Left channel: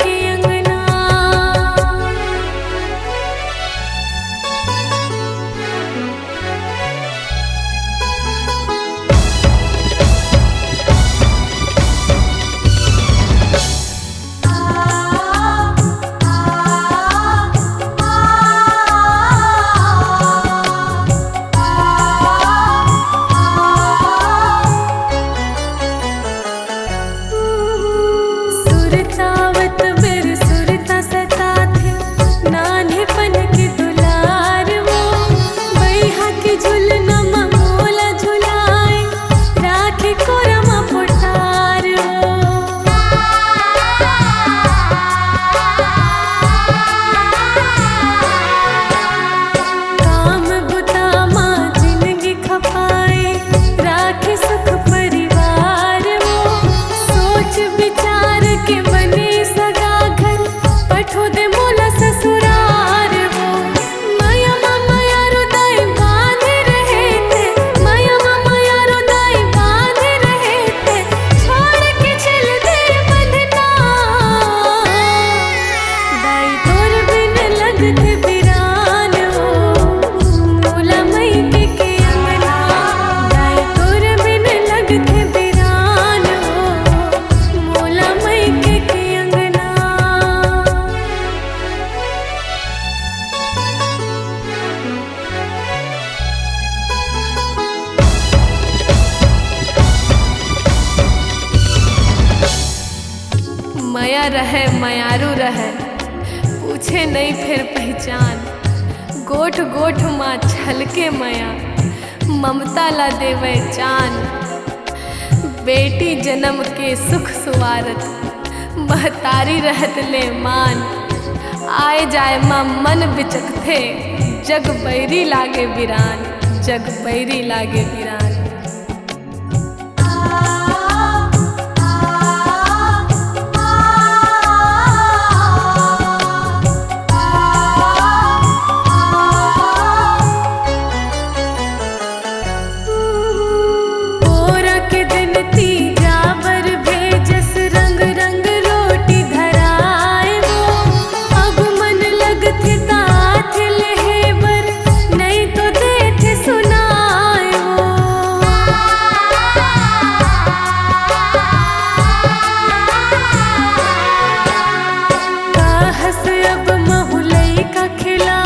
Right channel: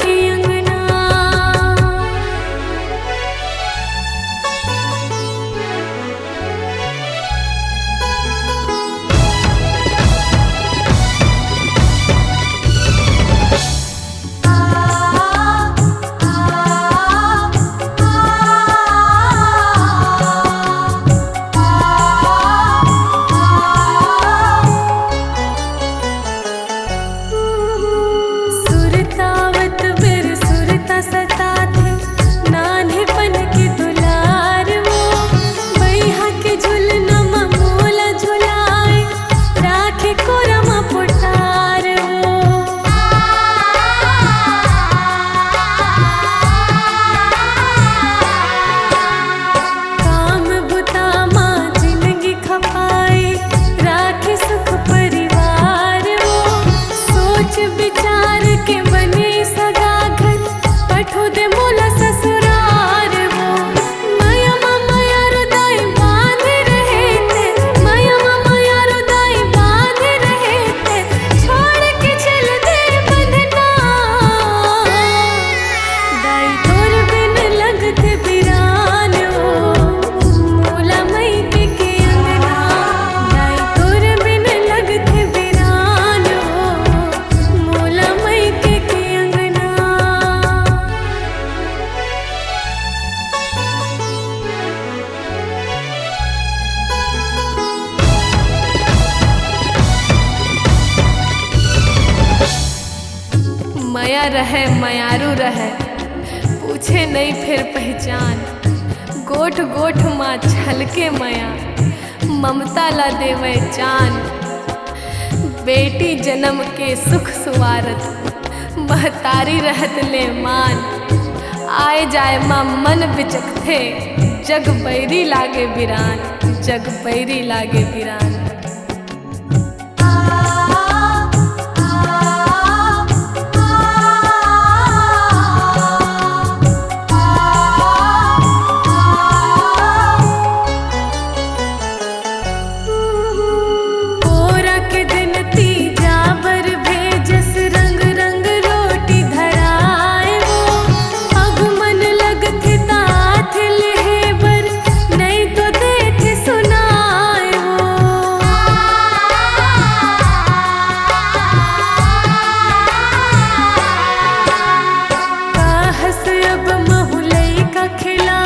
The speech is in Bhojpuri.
के अंगना। सुरतावत बिर सुरता सता थे, नान्हेपन के दुलार वो। बैहा के झुलना मोला झुलाए, राखे कोरमा पुटार वो। काम बुता माँ जिंदगी खपाए, राखे सुख परिवार वो। सोच विचार के बने सगा घर, पठो दे मोला ससुरार वो। माया माया रुदाई बांधे रहे थे, माया माया रुदाई बांधे रहे थे, छोड़ के चल दे बंधना। दाई तोर बिन लगते बिरान वो, मोला मई के अंगना। दाई तोर बिन लगते बिरान वो, मोला मई के अंगना। माया रहे मायारू रहे, पूछे नहीं फिर पहचान। गोठ गोठ माँ छलके माया, ममता ला देवे चान। बेटी जन्म के सुख सुवारत, महतारी रहत ले मान। आए जाए माँ मन बिचकथे, जग बैरी लागे बिरान, जग बैरी लागे बिरान। के दिन तीजा बर भेजस, रंग रंग रोटी धराए वो। अब मन लगथे तात लेहे बर, नहीं तो देथे सुनाए वो। कहस अब महुलई का खिला,